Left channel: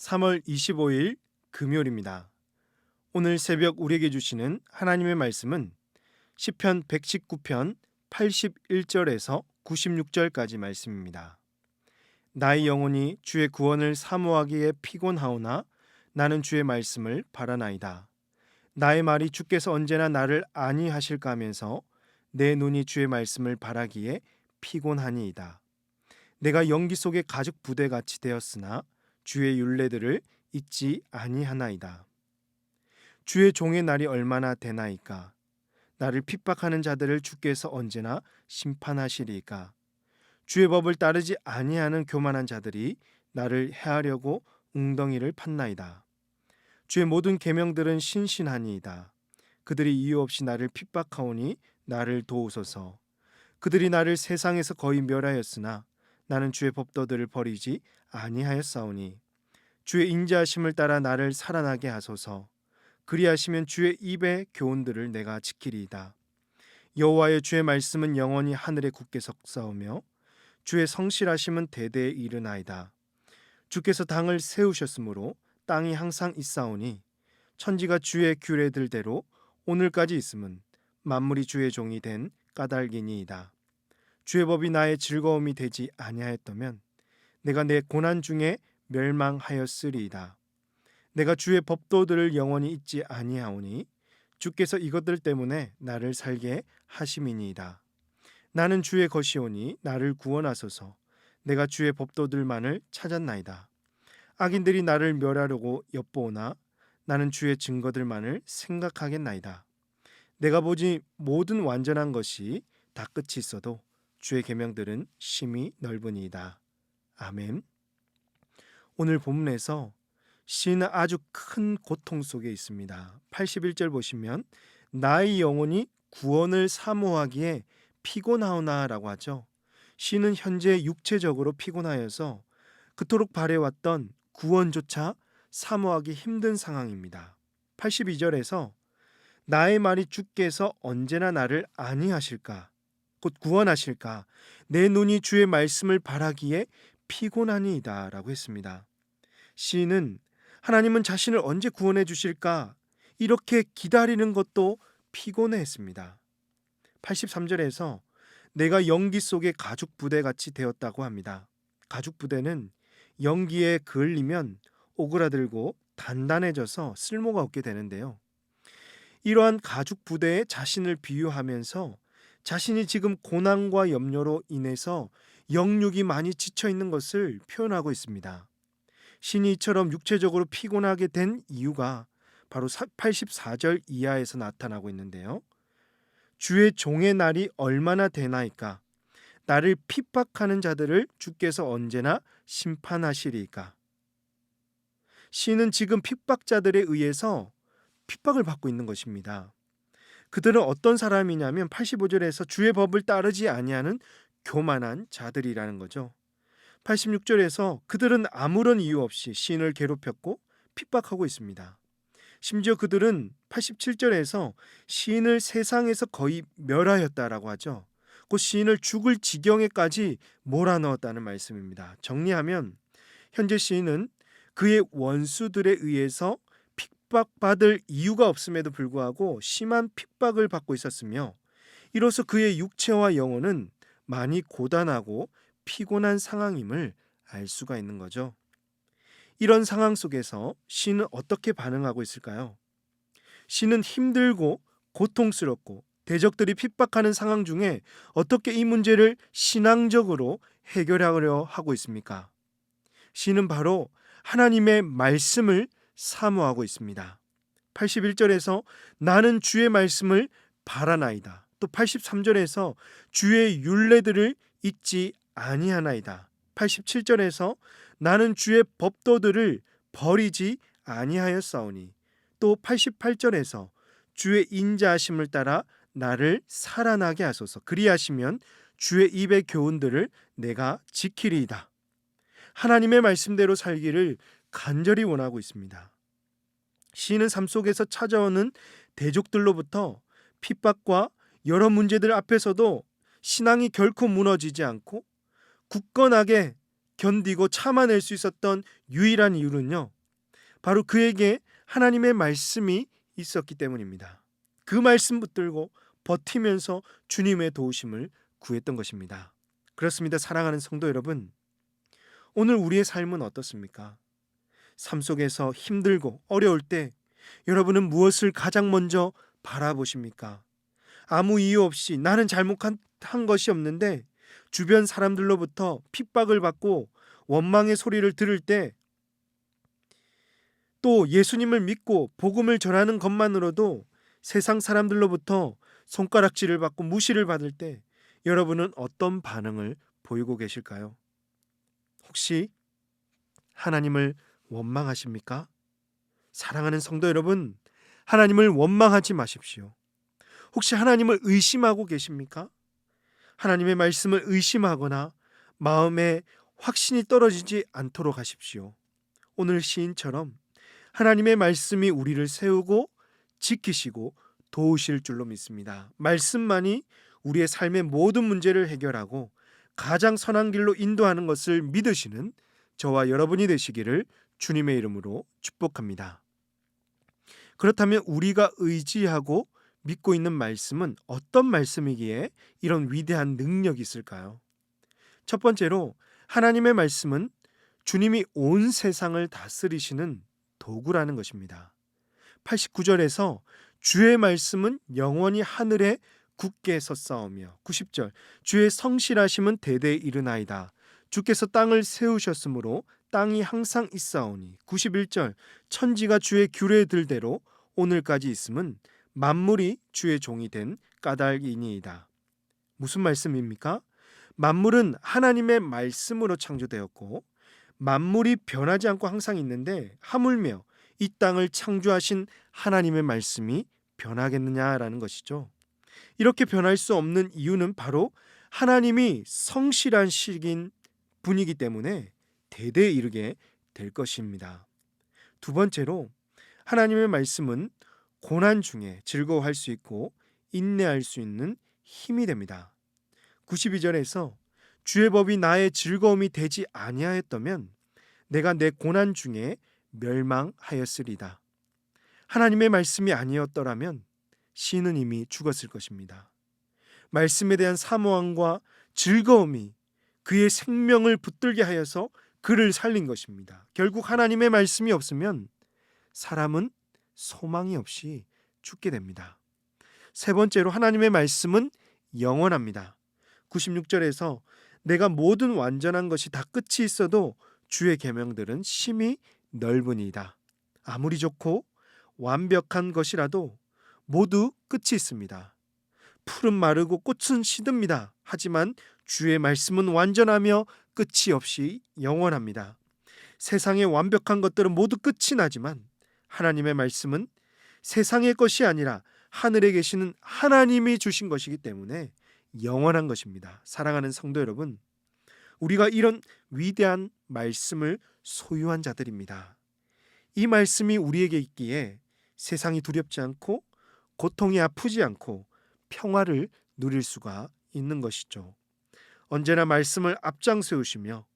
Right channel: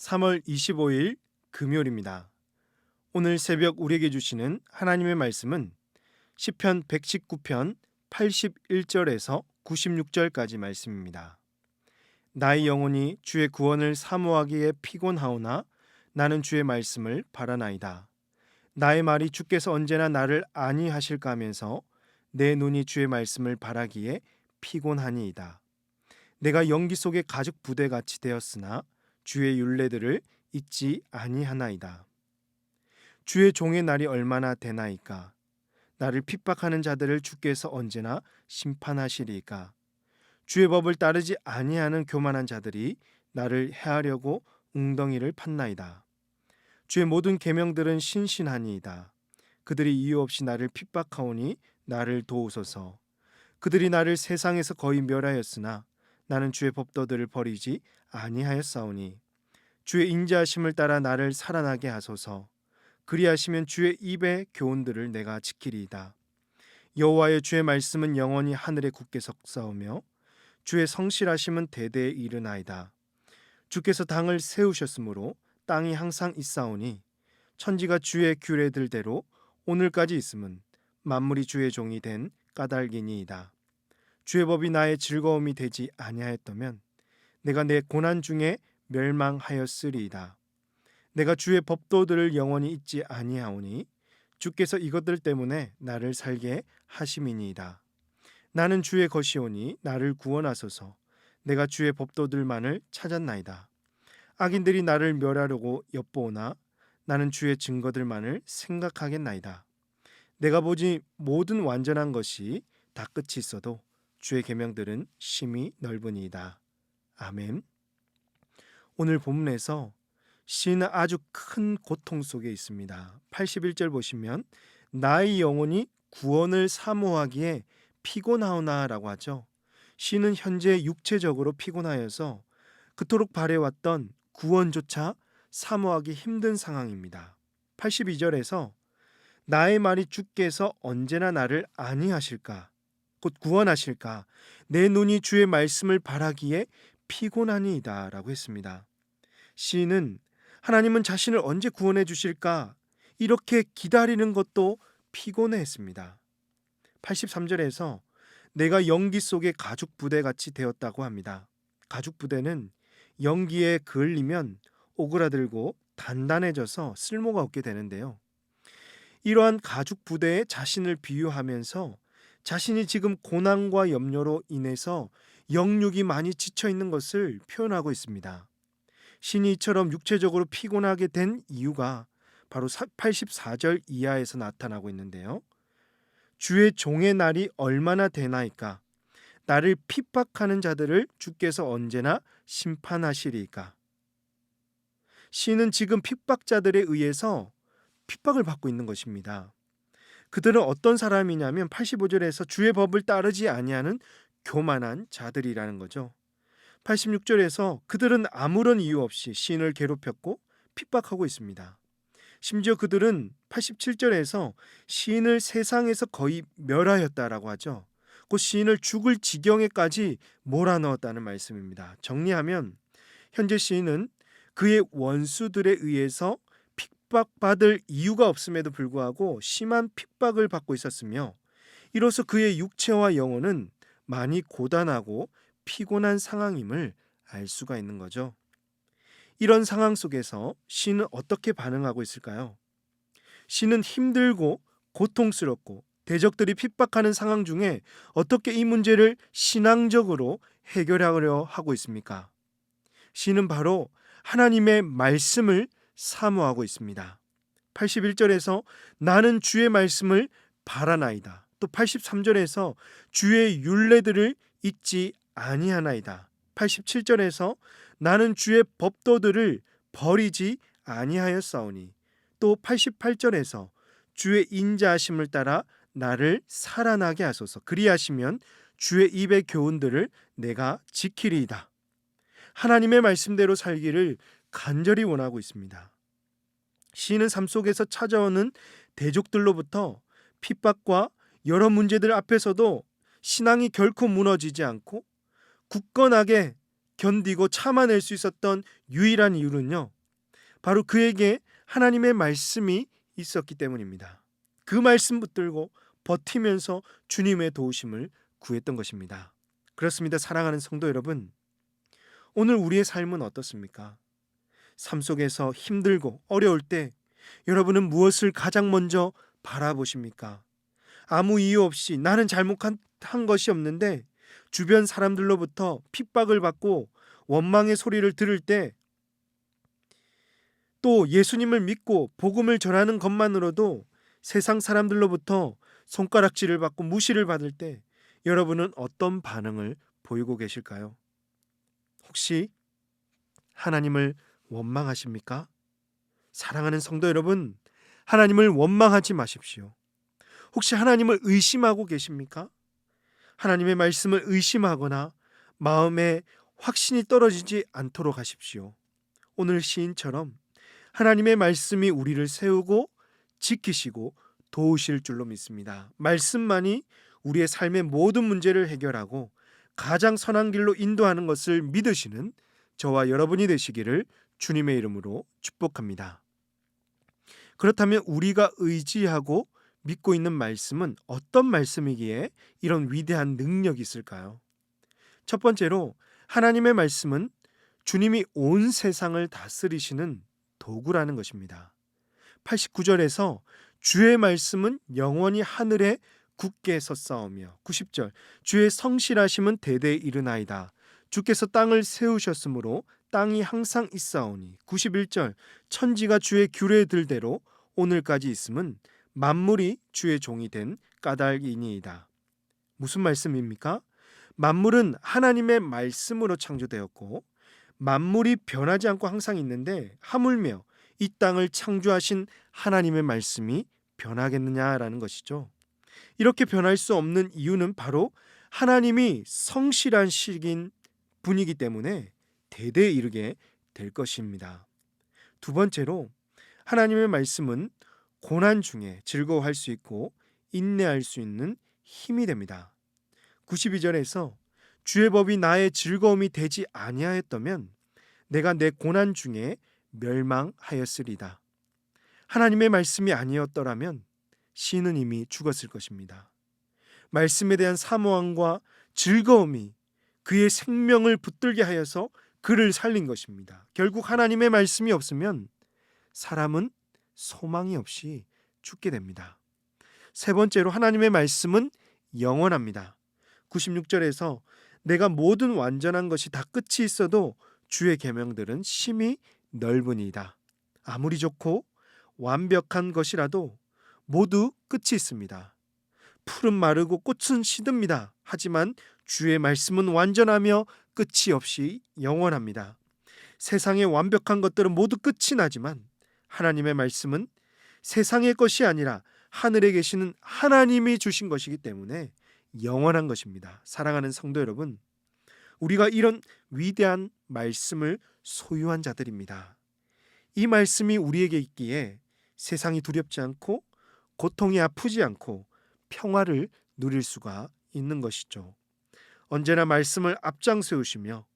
3월 25일 금요일입니다. 오늘 새벽 우리에게 주시는 하나님의 말씀은 시편 119편 81절에서 96절까지 말씀입니다. 나의 영혼이 주의 구원을 사모하기에 피곤하오나 나는 주의 말씀을 바라나이다. 나의 말이 주께서 언제나 나를 안위하실까 하면서 내 눈이 주의 말씀을 바라기에 피곤하니이다. 내가 연기 속의 가죽 부대같이 되었으나 주의 율례들을 잊지 아니하나이다. 주의 종의 날이 얼마나 되나이까? 나를 핍박하는 자들을 주께서 언제나 심판하시리이까? 주의 법을 따르지 아니하는 교만한 자들이 나를 해하려고 웅덩이를 팠나이다. 주의 모든 계명들은 신신하니이다. 그들이 이유 없이 나를 핍박하오니 나를 도우소서. 그들이 나를 세상에서 거의 멸하였으나 나는 주의 법도들을 버리지 아니하였사오니 주의 인자하심을 따라 나를 살아나게 하소서. 그리하시면 주의 입의 교훈들을 내가 지키리이다. 여호와의 주의 말씀은 영원히 하늘에 굳게 섰사오며 주의 성실하심은 대대에 이르나이다. 주께서 당을 세우셨으므로 땅이 항상 있사오니 천지가 주의 규례들대로 오늘까지 있음은 만물이 주의 종이 된 까닭이니이다. 주의 법이 나의 즐거움이 되지 아니하였다면 내가 내 고난 중에 멸망하였으리이다. 내가 주의 법도들을 영원히 잊지 아니하오니 주께서 이것들 때문에 나를 살게 하심이니이다. 나는 주의 것이오니 나를 구원하소서. 내가 주의 법도들만을 찾았나이다. 악인들이 나를 멸하려고 엿보오나 나는 주의 증거들만을 생각하겠나이다. 내가 보지 모든 완전한 것이 다 끝이 있어도 주의 계명들은 심히 넓으니이다. 아멘. 오늘 본문에서 시인은 아주 큰 고통 속에 있습니다. 81절 보시면 나의 영혼이 구원을 사모하기에 피곤하오나 라고 하죠. 시인은 현재 육체적으로 피곤하여서 그토록 바래왔던 구원조차 사모하기 힘든 상황입니다. 82절에서 나의 말이 주께서 언제나 나를 안위하실까 곧 구원하실까 내 눈이 주의 말씀을 바라기에 피곤하니이다 라고 했습니다. 시인은 하나님은 자신을 언제 구원해 주실까 이렇게 기다리는 것도 피곤해했습니다. 83절에서 내가 연기 속의 가죽 부대같이 되었다고 합니다. 가죽 부대는 연기에 그을리면 오그라들고 단단해져서 쓸모가 없게 되는데요. 이러한 가죽 부대에 자신을 비유하면서 자신이 지금 고난과 염려로 인해서 영육이 많이 지쳐 있는 것을 표현하고 있습니다. 신이 이처럼 육체적으로 피곤하게 된 이유가 바로 84절 이하에서 나타나고 있는데요. 주의 종의 날이 얼마나 되나이까? 나를 핍박하는 자들을 주께서 언제나 심판하시리이까? 시인은 지금 핍박자들에 의해서 핍박을 받고 있는 것입니다. 그들은 어떤 사람이냐면 85절에서 주의 법을 따르지 아니하는 교만한 자들이라는 거죠. 86절에서 그들은 아무런 이유 없이 시인을 괴롭혔고 핍박하고 있습니다. 심지어 그들은 87절에서 시인을 세상에서 거의 멸하였다라고 하죠. 곧 시인을 죽을 지경에까지 몰아넣었다는 말씀입니다. 정리하면 현재 시인은 그의 원수들에 의해서 핍박받을 이유가 없음에도 불구하고 심한 핍박을 받고 있었으며 이로써 그의 육체와 영혼은 많이 고단하고 피곤한 상황임을 알 수가 있는 거죠. 이런 상황 속에서 시인은 어떻게 반응하고 있을까요? 시인은 힘들고 고통스럽고 대적들이 핍박하는 상황 중에 어떻게 이 문제를 신앙적으로 해결하려 하고 있습니까? 시인은 바로 하나님의 말씀을 사모하고 있습니다. 81절에서 나는 주의 말씀을 바라나이다. 또 83절에서 주의 율례들을 잊지 아니하나이다. 87절에서 나는 주의 법도들을 버리지 아니하였사오니 또 88절에서 주의 인자하심을 따라 나를 살아나게 하소서. 그리하시면 주의 입의 교훈들을 내가 지키리이다. 하나님의 말씀대로 살기를 간절히 원하고 있습니다. 시인은 삶 속에서 찾아오는 대적들로부터 핍박과 여러 문제들 앞에서도 신앙이 결코 무너지지 않고 굳건하게 견디고 참아낼 수 있었던 유일한 이유는요, 바로 그에게 하나님의 말씀이 있었기 때문입니다. 그 말씀 붙들고 버티면서 주님의 도우심을 구했던 것입니다. 그렇습니다. 사랑하는 성도 여러분, 오늘 우리의 삶은 어떻습니까? 삶 속에서 힘들고 어려울 때 여러분은 무엇을 가장 먼저 바라보십니까? 아무 이유 없이 나는 잘못한 것이 없는데 주변 사람들로부터 핍박을 받고 원망의 소리를 들을 때, 또 예수님을 믿고 복음을 전하는 것만으로도 세상 사람들로부터 손가락질을 받고 무시를 받을 때 여러분은 어떤 반응을 보이고 계실까요? 혹시 하나님을 원망하십니까? 사랑하는 성도 여러분, 하나님을 원망하지 마십시오. 혹시 하나님을 의심하고 계십니까? 하나님의 말씀을 의심하거나 마음에 확신이 떨어지지 않도록 하십시오. 오늘 시인처럼 하나님의 말씀이 우리를 세우고 지키시고 도우실 줄로 믿습니다. 말씀만이 우리의 삶의 모든 문제를 해결하고 가장 선한 길로 인도하는 것을 믿으시는 저와 여러분이 되시기를 주님의 이름으로 축복합니다. 그렇다면 우리가 의지하고 믿고 있는 말씀은 어떤 말씀이기에 이런 위대한 능력이 있을까요? 첫 번째로, 하나님의 말씀은 주님이 온 세상을 다스리시는 도구라는 것입니다. 89절에서 주의 말씀은 영원히 하늘에 굳게 섰사오며, 90절 주의 성실하심은 대대에 이르나이다. 주께서 땅을 세우셨으므로 땅이 항상 있사오니, 91절 천지가 주의 규례들대로 오늘까지 있음은 만물이 주의 종이 된 까닭이니이다. 무슨 말씀입니까? 만물은 하나님의 말씀으로 창조되었고 만물이 변하지 않고 항상 있는데 하물며 이 땅을 창조하신 하나님의 말씀이 변하겠느냐라는 것이죠. 이렇게 변할 수 없는 이유는 바로 하나님이 성실한 시긴 분이기 때문에 대대에 이르게 될 것입니다. 두 번째로, 하나님의 말씀은 고난 중에 즐거워할 수 있고 인내할 수 있는 힘이 됩니다. 92절에서 주의 법이 나의 즐거움이 되지 아니하였다면 내가 내 고난 중에 멸망하였으리다. 하나님의 말씀이 아니었더라면 시인은 이미 죽었을 것입니다. 말씀에 대한 사모함과 즐거움이 그의 생명을 붙들게 하여서 그를 살린 것입니다. 결국 하나님의 말씀이 없으면 사람은 소망이 없이 죽게 됩니다. 세 번째로, 하나님의 말씀은 영원합니다. 96절에서 내가 모든 완전한 것이 다 끝이 있어도 주의 계명들은 심히 넓으니이다. 아무리 좋고 완벽한 것이라도 모두 끝이 있습니다. 풀은 마르고 꽃은 시듭니다. 하지만 주의 말씀은 완전하며 끝이 없이 영원합니다. 세상의 완벽한 것들은 모두 끝이 나지만 하나님의 말씀은 세상의 것이 아니라 하늘에 계시는 하나님이 주신 것이기 때문에 영원한 것입니다. 사랑하는 성도 여러분, 우리가 이런 위대한 말씀을 소유한 자들입니다. 이 말씀이 우리에게 있기에 세상이 두렵지 않고 고통이 아프지 않고 평화를 누릴 수가 있는 것이죠. 언제나 말씀을 앞장세우시며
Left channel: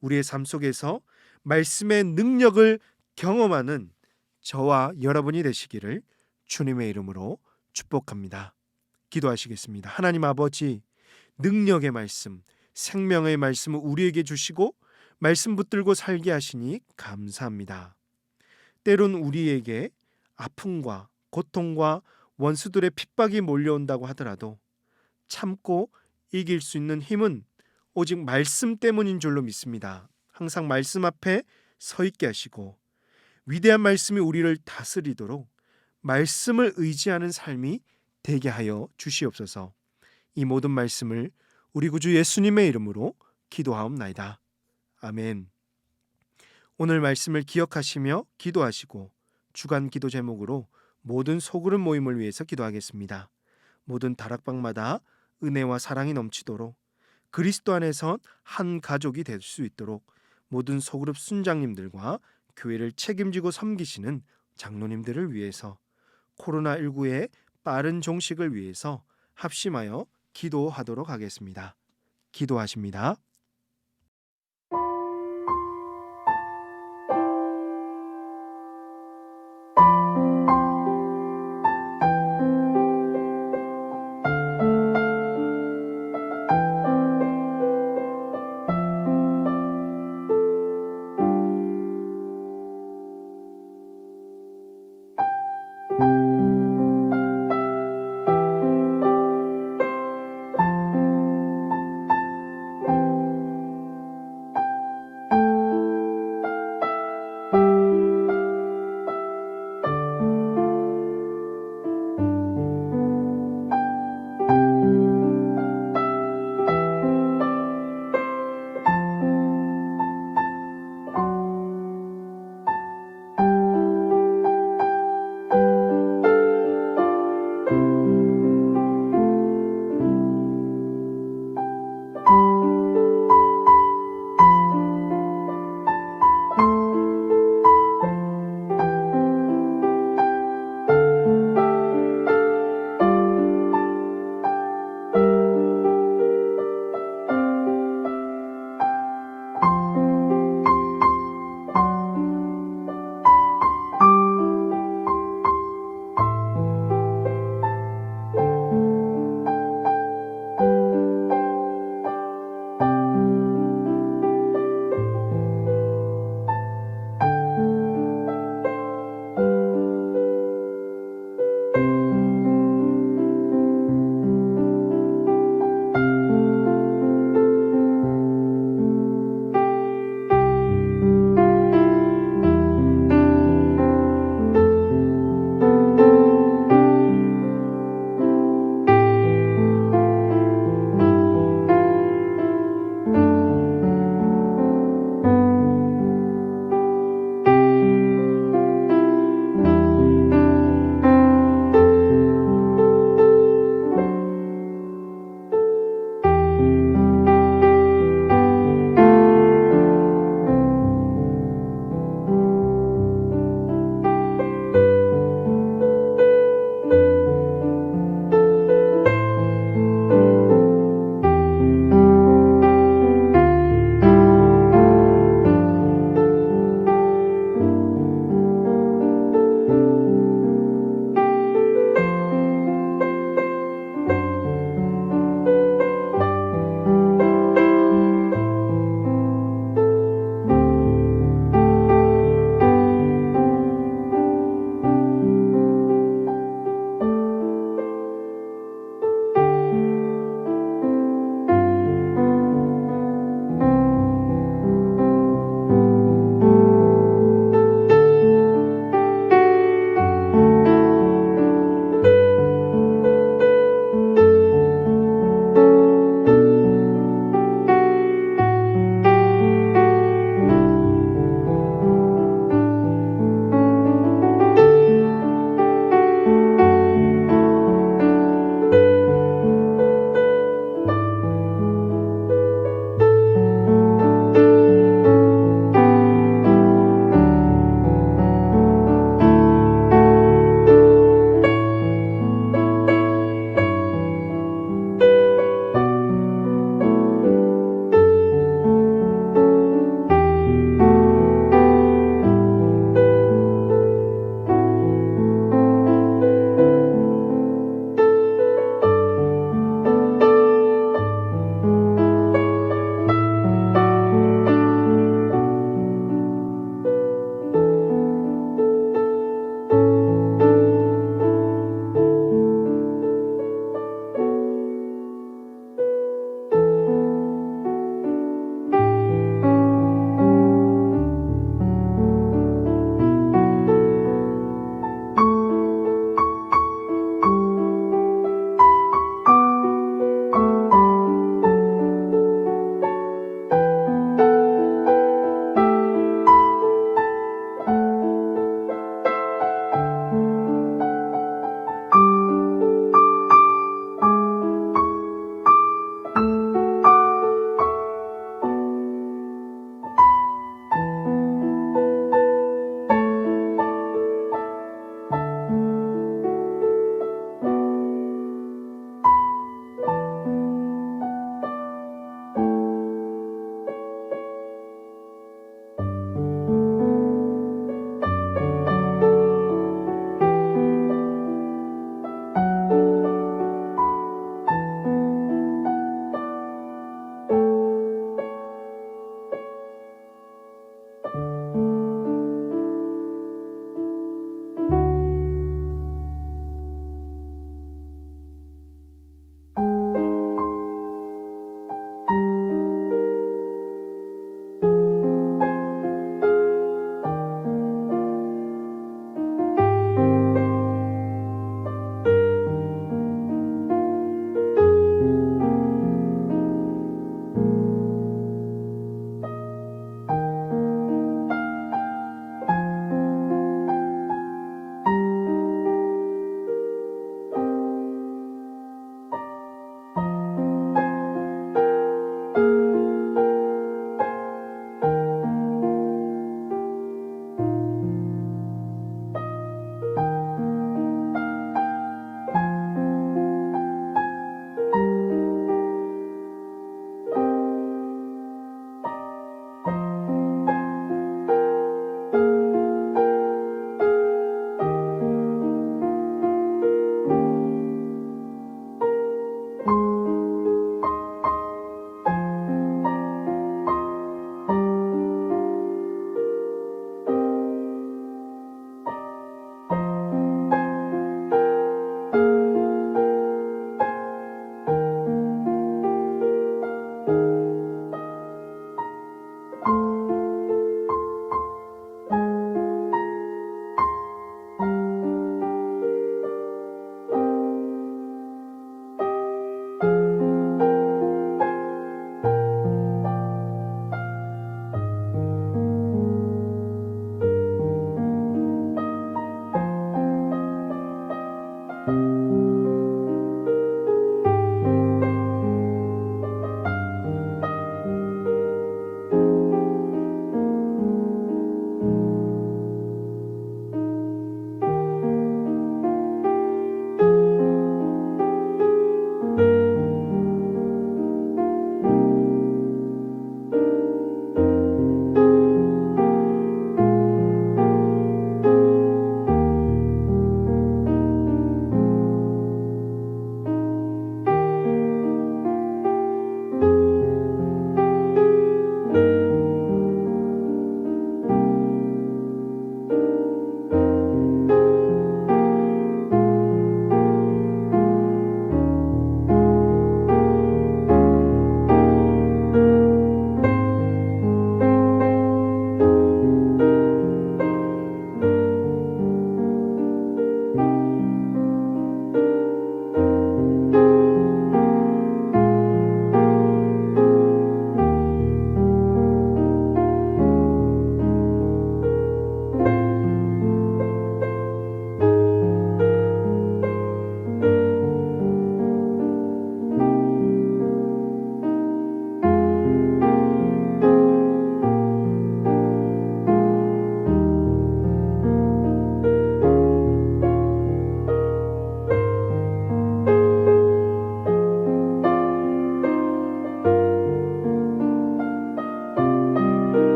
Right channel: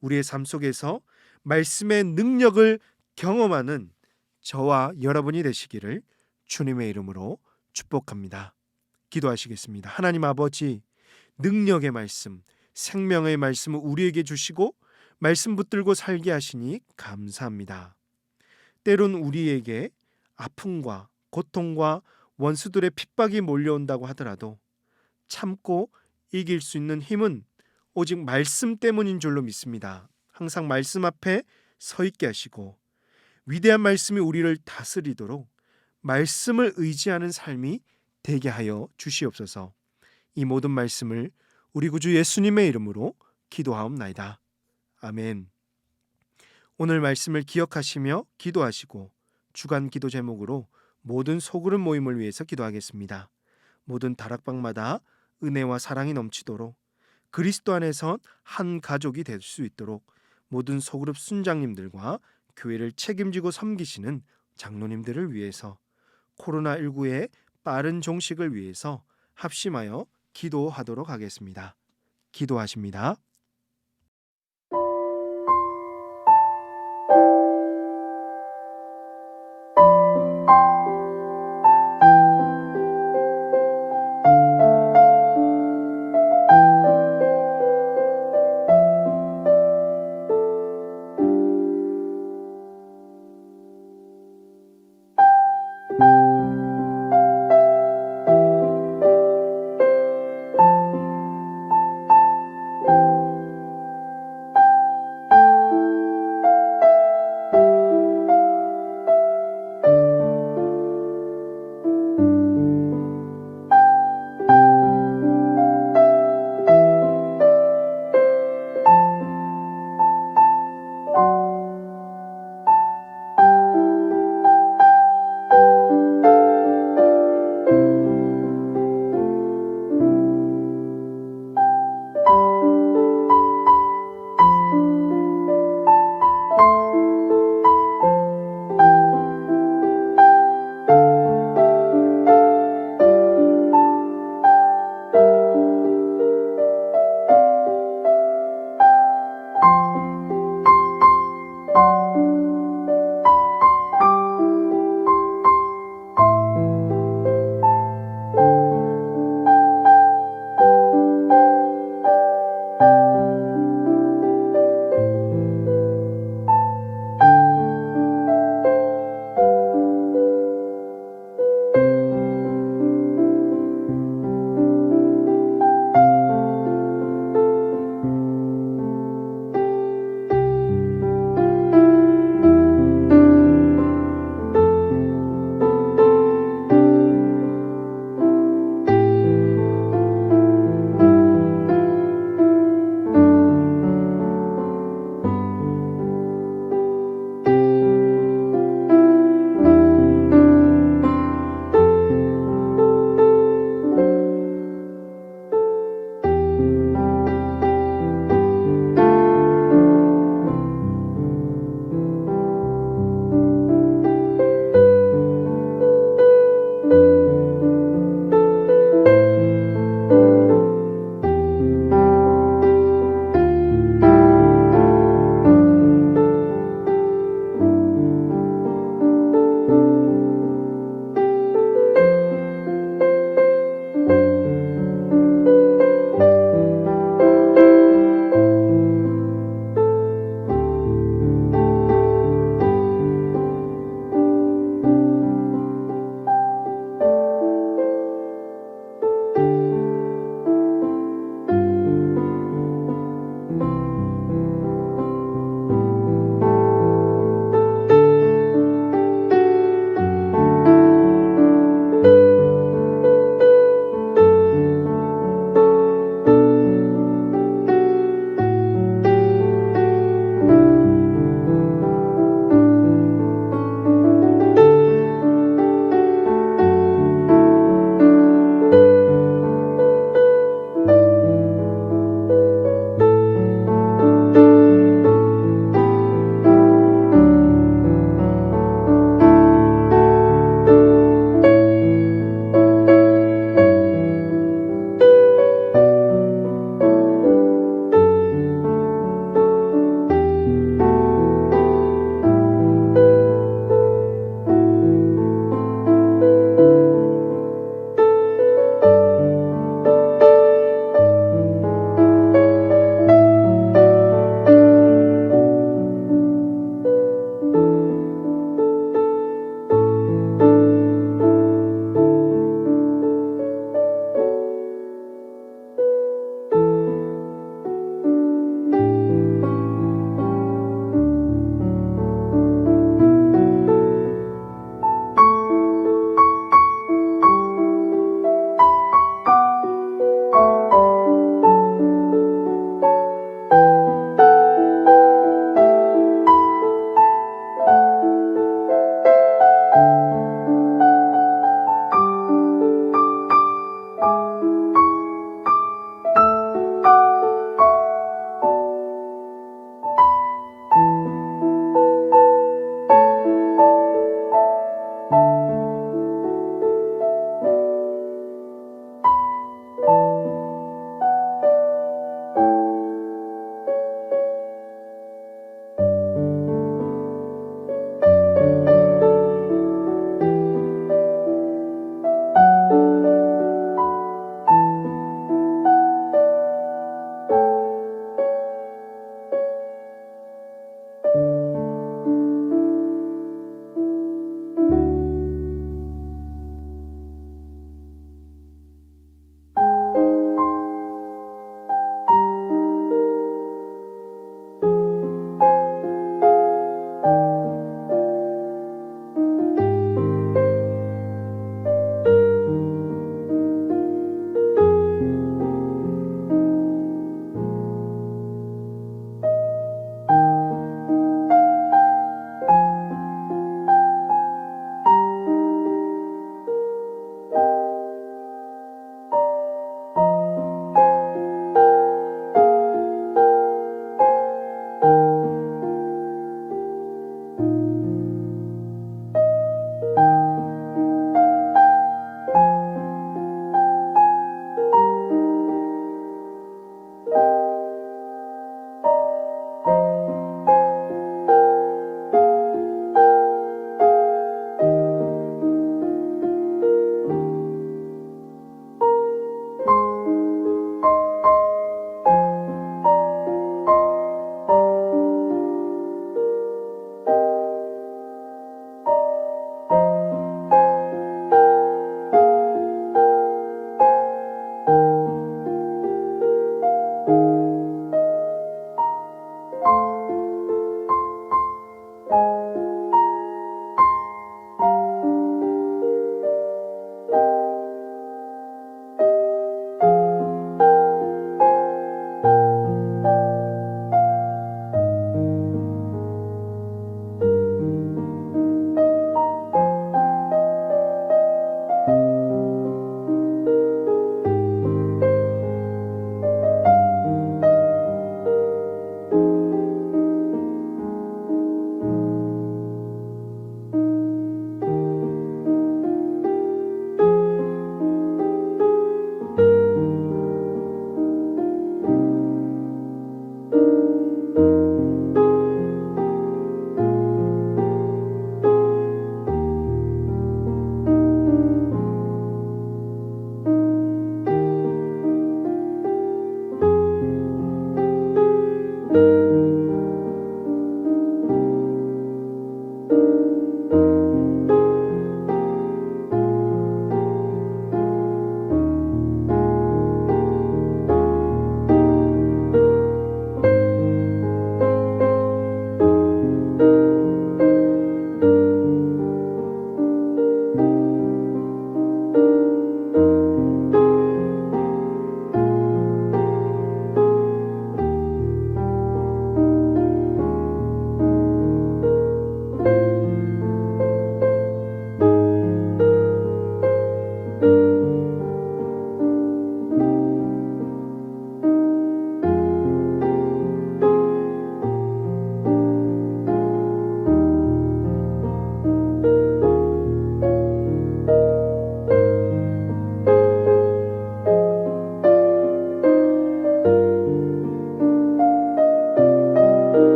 우리의 삶 속에서 말씀의 능력을 경험하는 저와 여러분이 되시기를 주님의 이름으로 축복합니다. 기도하시겠습니다. 하나님 아버지, 능력의 말씀, 생명의 말씀을 우리에게 주시고 말씀 붙들고 살게 하시니 감사합니다. 때론 우리에게 아픔과 고통과 원수들의 핍박이 몰려온다고 하더라도 참고 이길 수 있는 힘은 오직 말씀 때문인 줄로 믿습니다. 항상 말씀 앞에 서 있게 하시고 위대한 말씀이 우리를 다스리도록 말씀을 의지하는 삶이 되게 하여 주시옵소서. 이 모든 말씀을 우리 구주 예수님의 이름으로 기도하옵나이다. 아멘. 오늘 말씀을 기억하시며 기도하시고 주간 기도 제목으로 모든 소그룹 모임을 위해서 기도하겠습니다. 모든 다락방마다 은혜와 사랑이 넘치도록 그리스도 안에서 한 가족이 될 수 있도록 모든 소그룹 순장님들과 교회를 책임지고 섬기시는 장로님들을 위해서 코로나19의 빠른 종식을 위해서 합심하여 기도하도록 하겠습니다. 기도하십니다.